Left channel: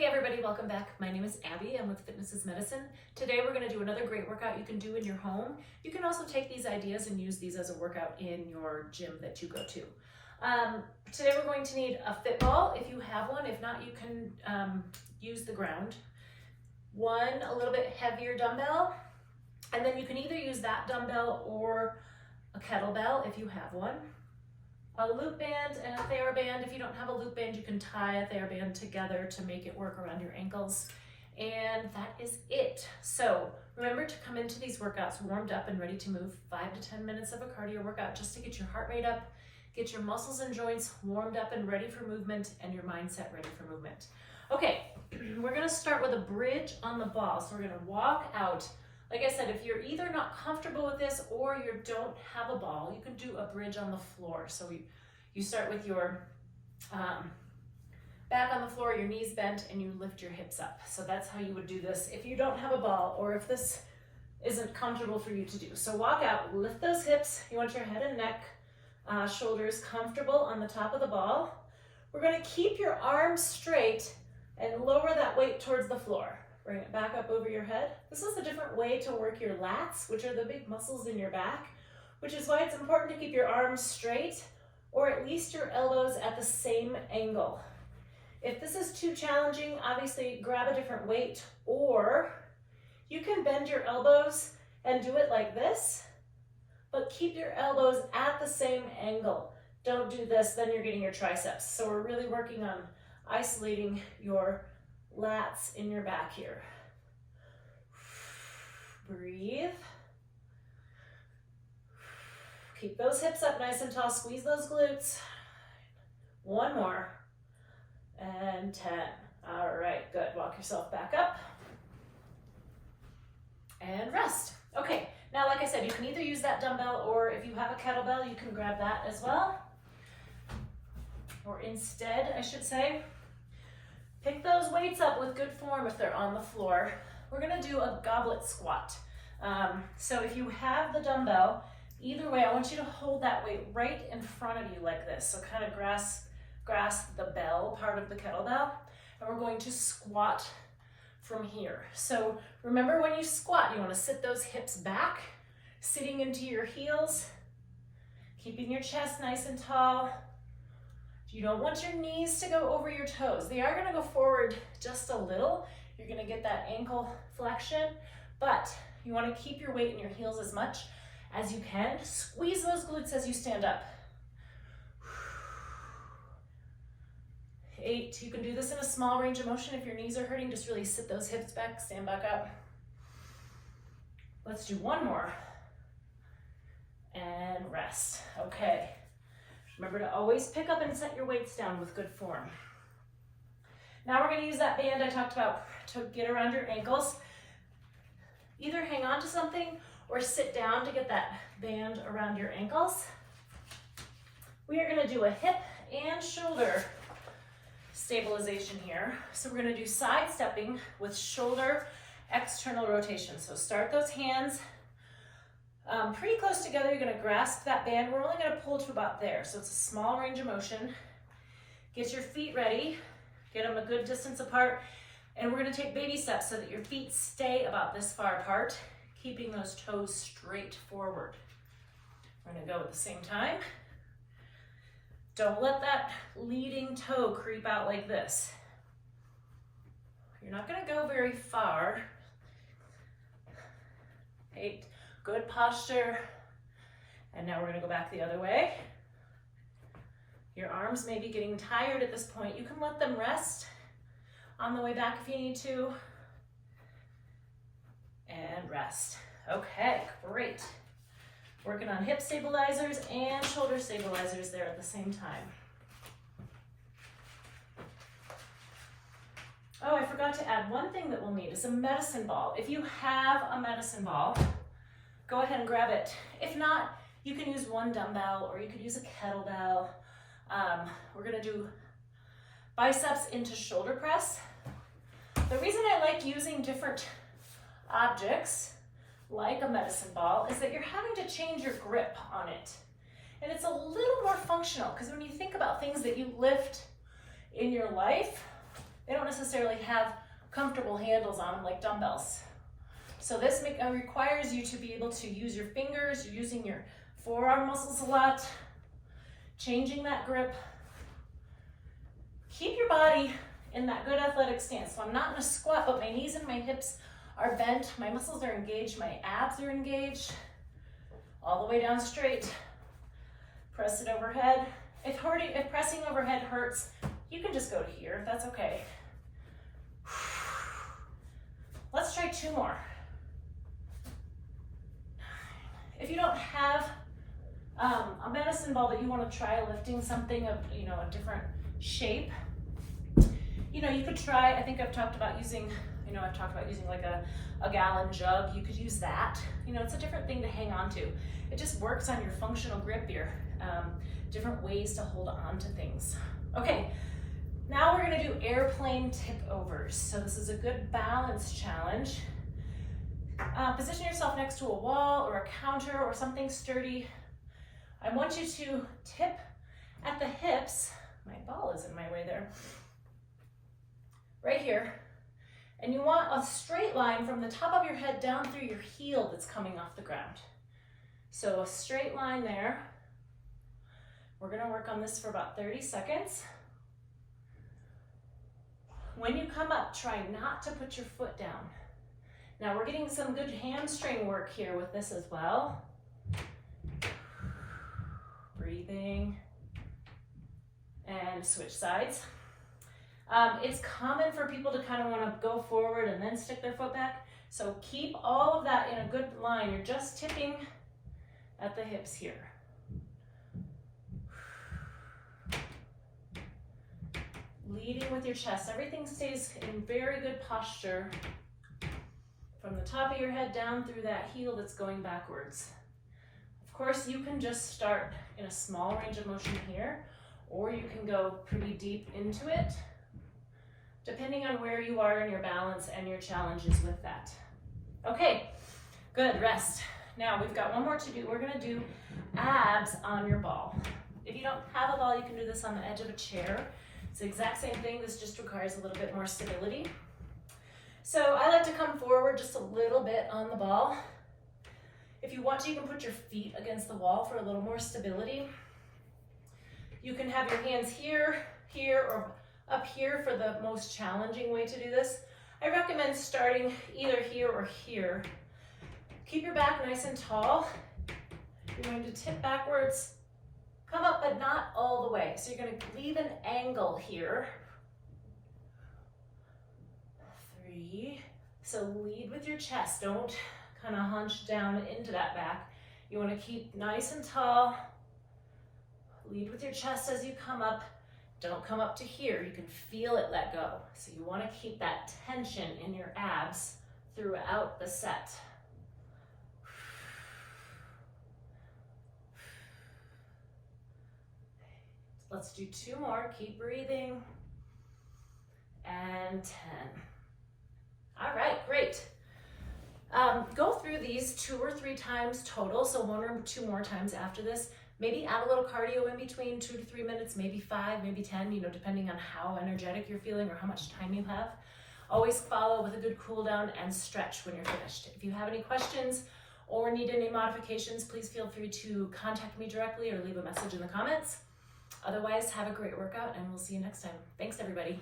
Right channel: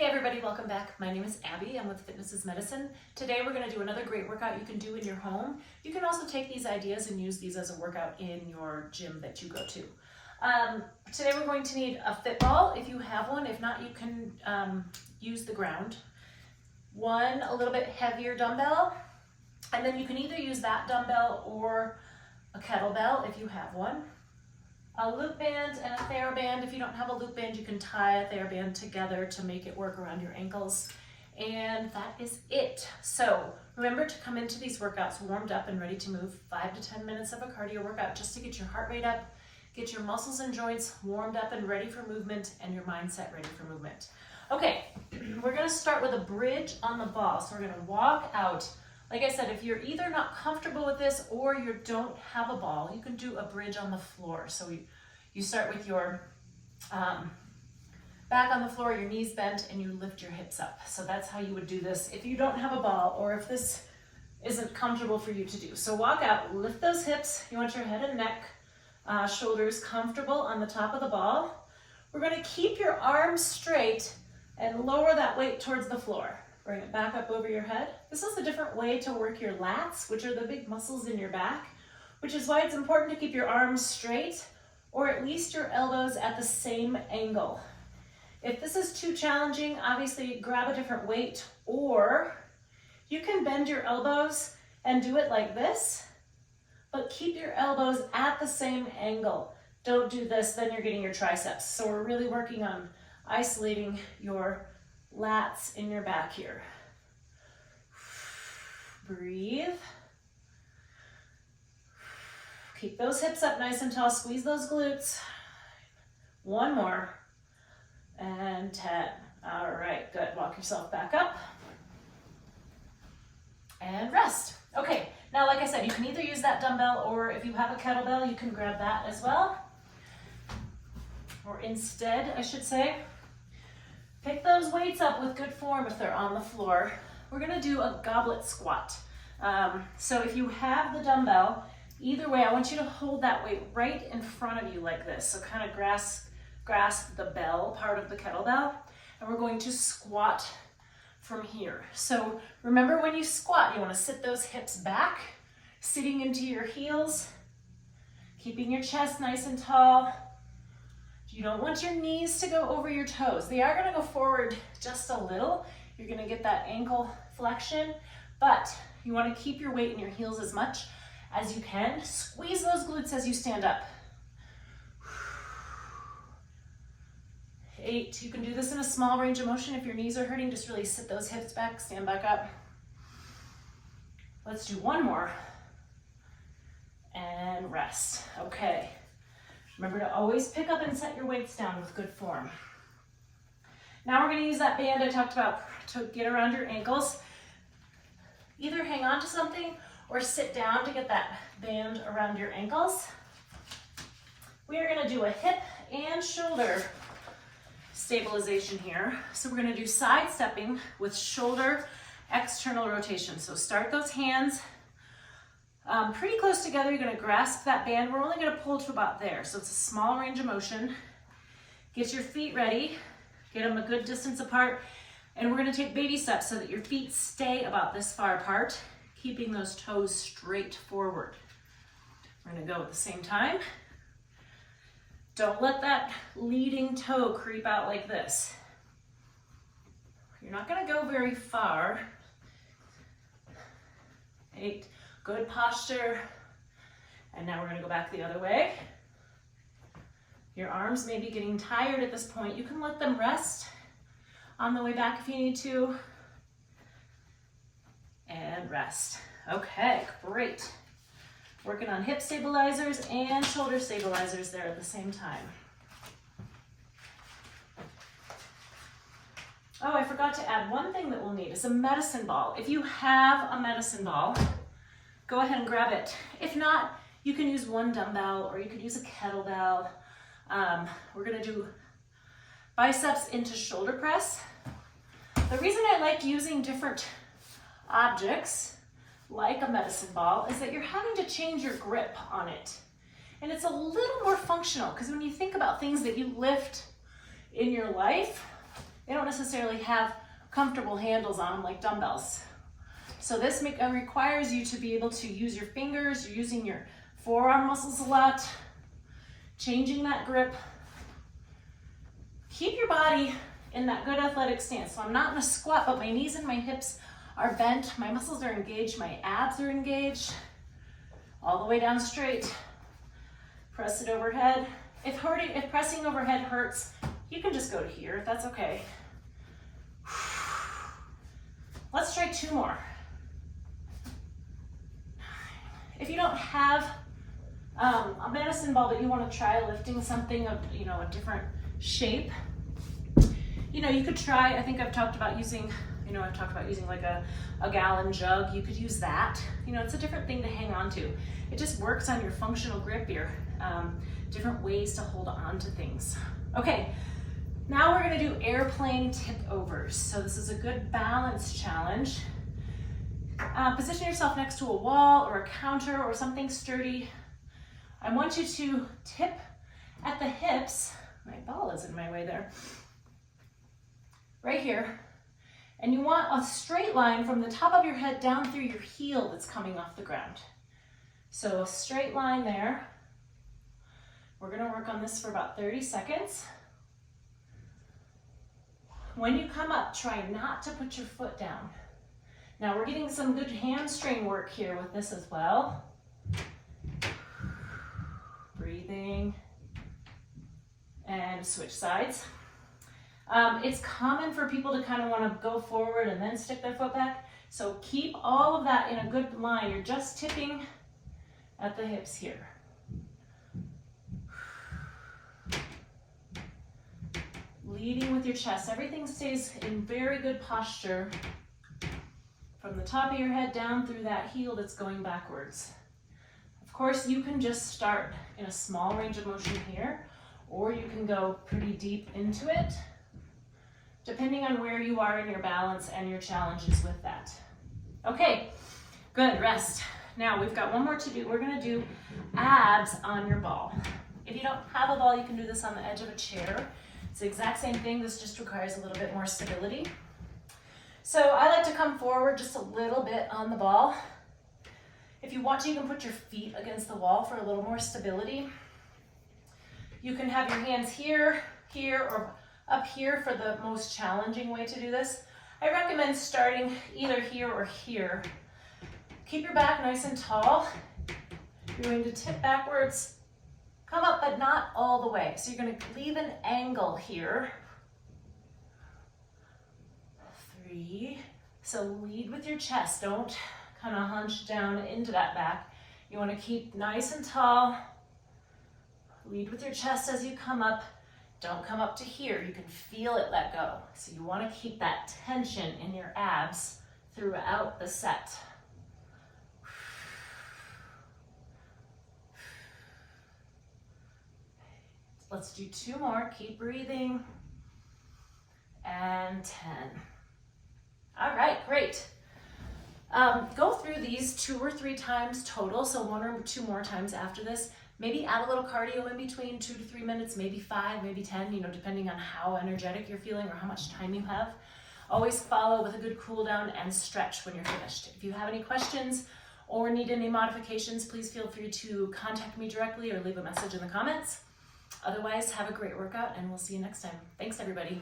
Hey everybody, welcome back. My name is Abby. I'm with Fitness is Medicine. Today we're going to do another great workout you can do in your home. You can also take these ideas and use these as a workout in your gym that you go to. Today we're going to need a fit ball if you have one. If not, you can use the ground. One a little bit heavier dumbbell, and then you can either use that dumbbell or a kettlebell if you have one. A loop band and a TheraBand. If you don't have a loop band, you can tie a TheraBand together to make it work around your ankles. And that is it. So remember to come into these workouts warmed up and ready to move. 5 to 10 minutes of a cardio workout just to get your heart rate up, get your muscles and joints warmed up and ready for movement, and your mindset ready for movement. Okay, we're gonna start with a bridge on the ball. So we're gonna walk out. Like I said, if you're either not comfortable with this or you don't have a ball, you can do a bridge on the floor. So you start with your back on the floor, your knees bent, and you lift your hips up. So that's how you would do this if you don't have a ball or if this isn't comfortable for you to do. So walk out, lift those hips. You want your head and neck, shoulders comfortable on the top of the ball. We're gonna keep your arms straight and lower that weight towards the floor. Bring it back up over your head. This is a different way to work your lats, which are the big muscles in your back, which is why it's important to keep your arms straight or at least your elbows at the same angle. If this is too challenging, obviously grab a different weight, or you can bend your elbows and do it like this, but keep your elbows at the same angle. Don't do this, then you're getting your triceps. So we're really working on isolating your lats in your back here. Breathe. Keep those hips up nice and tall. Squeeze those glutes. One more. And 10. All right, good. Walk yourself back up. And rest. Okay, now like I said, you can either use that dumbbell, or if you have a kettlebell, you can grab that as well. Or instead, I should say, pick those weights up with good form if they're on the floor. We're gonna do a goblet squat. So if you have the dumbbell, either way, I want you to hold that weight right in front of you like this. So kind of grasp the bell part of the kettlebell, and we're going to squat from here. So remember, when you squat, you wanna sit those hips back, sitting into your heels, keeping your chest nice and tall. You don't want your knees to go over your toes. They are gonna go forward just a little. You're gonna get that ankle flexion, but you wanna keep your weight in your heels as much as you can. Squeeze those glutes as you stand up. 8, you can do this in a small range of motion. If your knees are hurting, just really sit those hips back, stand back up. Let's do one more. And rest, okay. Remember to always pick up and set your weights down with good form. Now we're gonna use that band I talked about to get around your ankles. Either hang on to something or sit down to get that band around your ankles. We are gonna do a hip and shoulder stabilization here. So we're gonna do side stepping with shoulder external rotation. So start those hands pretty close together. You're gonna grasp that band. We're only gonna pull to about there. So it's a small range of motion. Get your feet ready. Get them a good distance apart. And we're gonna take baby steps so that your feet stay about this far apart, keeping those toes straight forward. We're gonna go at the same time. Don't let that leading toe creep out like this. You're not gonna go very far. 8. Good posture. And now we're gonna go back the other way. Your arms may be getting tired at this point. You can let them rest on the way back if you need to. And rest. Okay, great. Working on hip stabilizers and shoulder stabilizers there at the same time. Oh, I forgot to add one thing that we'll need. It's a medicine ball. If you have a medicine ball, go ahead and grab it. If not, you can use one dumbbell or you could use a kettlebell. We're gonna do biceps into shoulder press. The reason I like using different objects like a medicine ball is that you're having to change your grip on it. And it's a little more functional, because when you think about things that you lift in your life, They don't necessarily have comfortable handles on them like dumbbells. So this requires you to be able to use your fingers, you're using your forearm muscles a lot, changing that grip. Keep your body in that good athletic stance. So I'm not in a squat, but my knees and my hips are bent, my muscles are engaged, my abs are engaged, all the way down straight. Press it overhead. If pressing overhead hurts, you can just go to here, if that's okay. Let's try 2 more. If you don't have a medicine ball, but you want to try lifting something of, a different shape, you could try, I think I've talked about using like a gallon jug. You could use that. It's a different thing to hang on to. It just works on your functional grip, your different ways to hold on to things. Okay, now we're gonna do airplane tip overs. So this is a good balance challenge. Position yourself next to a wall or a counter or something sturdy. I want you to tip at the hips. My ball is in my way there. Right here. And you want a straight line from the top of your head down through your heel that's coming off the ground. So a straight line there. We're gonna work on this for about 30 seconds. When you come up, try not to put your foot down. Now we're getting some good hamstring work here with this as well. Breathing. And switch sides. It's common for people to kind of want to go forward and then stick their foot back. So keep all of that in a good line. You're just tipping at the hips here. Leading with your chest. Everything stays in very good posture from the top of your head down through that heel that's going backwards. Of course, you can just start in a small range of motion here, or you can go pretty deep into it, depending on where you are in your balance and your challenges with that. Okay, good, rest. Now we've got one more to do. We're gonna do abs on your ball. If you don't have a ball, you can do this on the edge of a chair. It's the exact same thing, this just requires a little bit more stability. So I like to come forward just a little bit on the ball. If you want to, you can put your feet against the wall for a little more stability. You can have your hands here, here, or up here for the most challenging way to do this. I recommend starting either here or here. Keep your back nice and tall. You're going to tip backwards, come up, but not all the way. So you're going to leave an angle here. 3. So lead with your chest. Don't kind of hunch down into that back. You want to keep nice and tall. Lead with your chest as you come up. Don't come up to here. You can feel it let go. So you want to keep that tension in your abs throughout the set. Let's do 2 more. Keep breathing. And 10. All right, great. Go through these 2 or 3 times total, so 1 or 2 more times after this. Maybe add a little cardio in between, 2 to 3 minutes, maybe 5, maybe 10, depending on how energetic you're feeling or how much time you have. Always follow with a good cool down and stretch when you're finished. If you have any questions or need any modifications, please feel free to contact me directly or leave a message in the comments. Otherwise, have a great workout and we'll see you next time. Thanks, everybody.